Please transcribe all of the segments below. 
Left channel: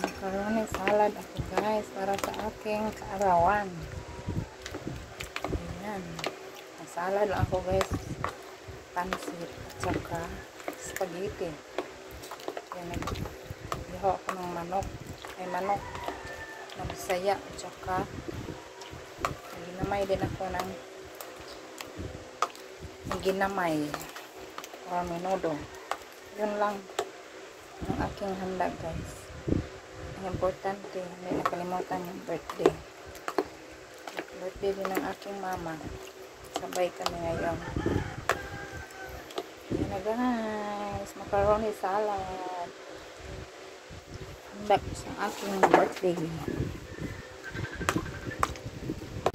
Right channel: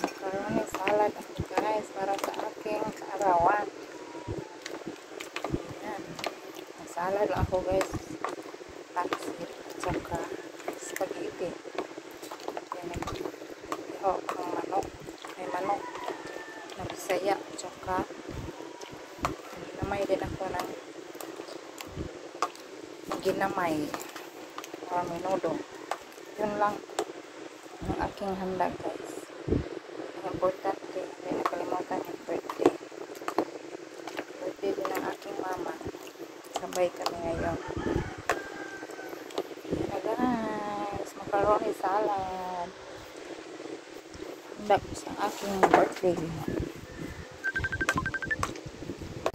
Macaroni salad ako guys para sa aking kaarawan. Ayan. Salad lang ako guys. Pansit at saka spaghetti. Ayan, nag-ihaw ako ng manok. May manok na Bisaya at saka ginamay din ako ng ginamay or menudo. Yun lang ang aking handa guys. Ang importante, hindi nakalimutan yung birthday. Birthday din ng aking mama. Sabay kami ngayon. Yan na guys, macaroni salad. Handa sa aking birthday.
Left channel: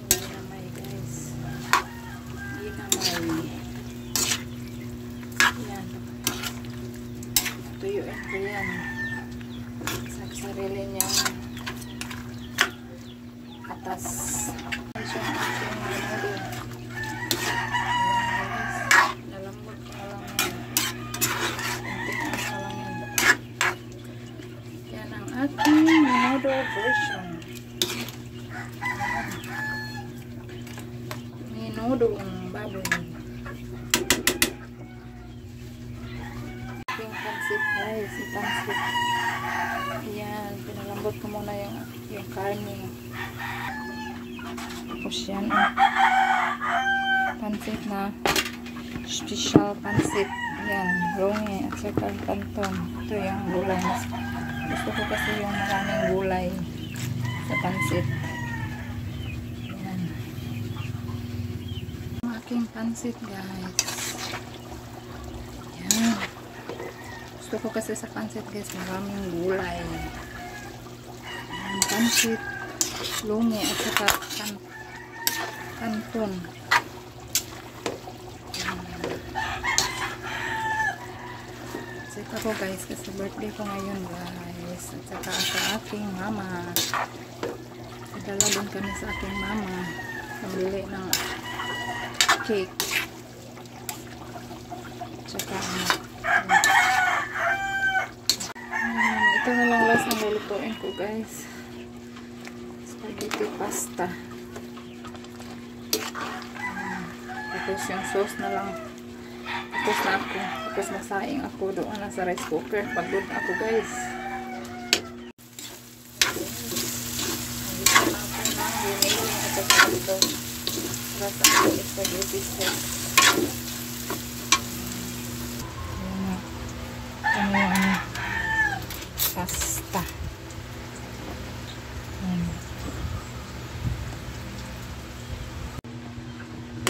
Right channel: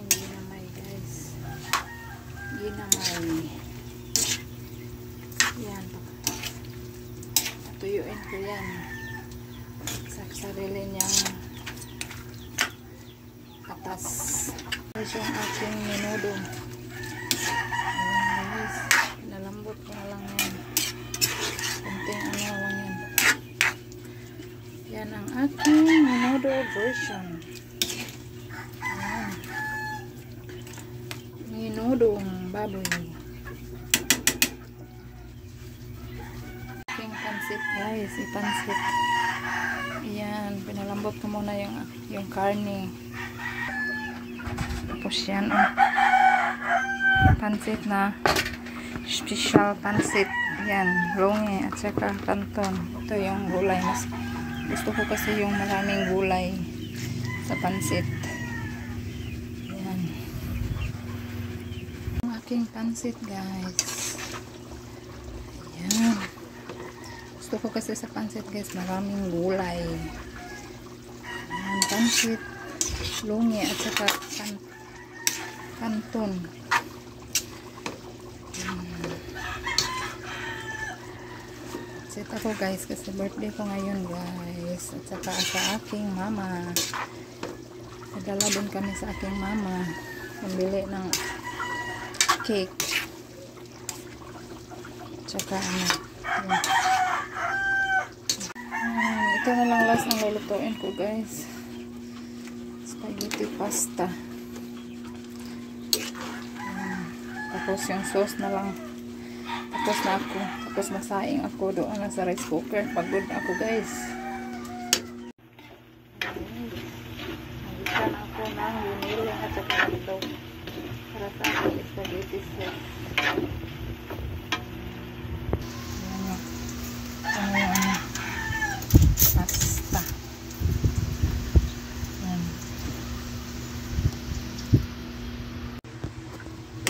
Ginamay guys. Ginamay. Yan. Tuyuin ko yan. Sarili niyang katas. Ito yung aking menudo. Nalambot ko na lang yan. Kunting ano lang yan. Yan ang aking menudo version. Menudong baboy. Aking pansit guys. Ipansit. Ayan, pinalambot ko muna yung karne. Tapos yan, pansit na special pansit. Yan, longe at saka kanton. Ito yung gulay. Gusto ko kasi yung maraming gulay sa pansit. Ayan. Ang aking pansit guys. Ayan. Gusto ko kasi sa pansit guys, maraming gulay. Pansit, lungi at saka kanton. Pansit ako guys kasi birthday ko ngayon guys. At saka sa aking mama. Padala din kami sa aking mama. Pambili ng cake. At saka ito na lang last ang lulutuin ko guys. Spaghetti pasta. Tapos yung sauce na lang. Tapos na ako. Tapos masaing ako doon na sa rice cooker. Pagod na ako guys. Nagisa na ako ng biniling at saka ito. Para sa aking spaghetti sauce. Pasta.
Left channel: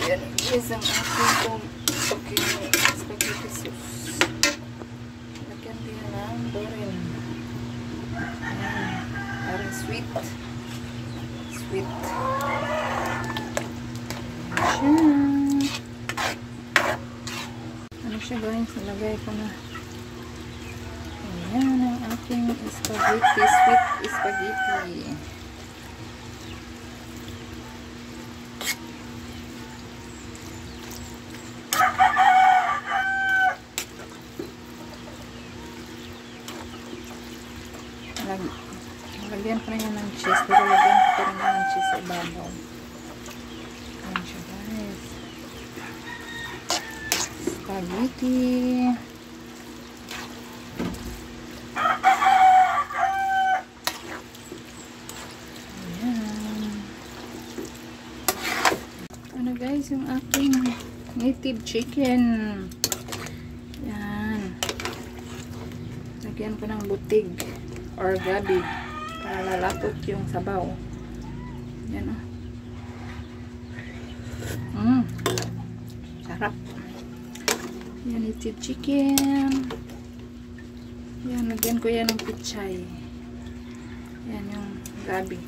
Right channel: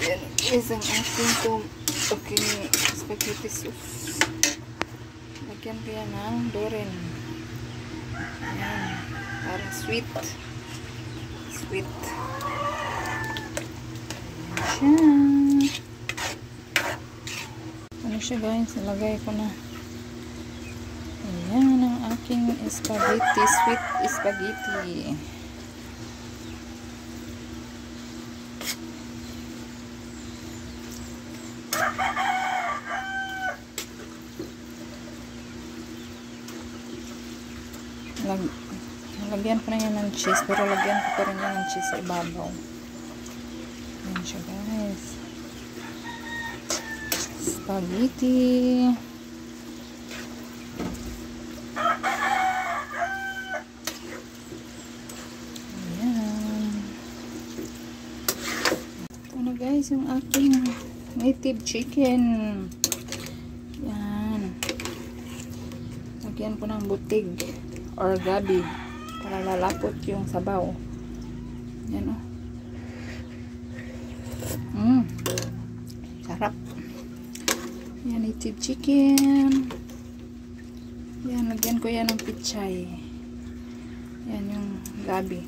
Yan is ang aking spaghetti sauce. Lagyan ko yan ng doren. Parang sweet. Sweet. Ano siya guys? Nilagay ko na. Ayan ang aking spaghetti, sweet spaghetti. Lagyan ko na yun ng cheese, pero lagyan ko pa rin ng cheese sa ibabaw. Ayan siya guys. Spaghetti. Guys, yung aking native chicken. Yan. Lagyan ko ng butig or gabi para lalapot yung sabaw. Yan o. Sarap. Yan, native chicken. Yan, lagyan ko yan ng pichay. Yan yung gabi.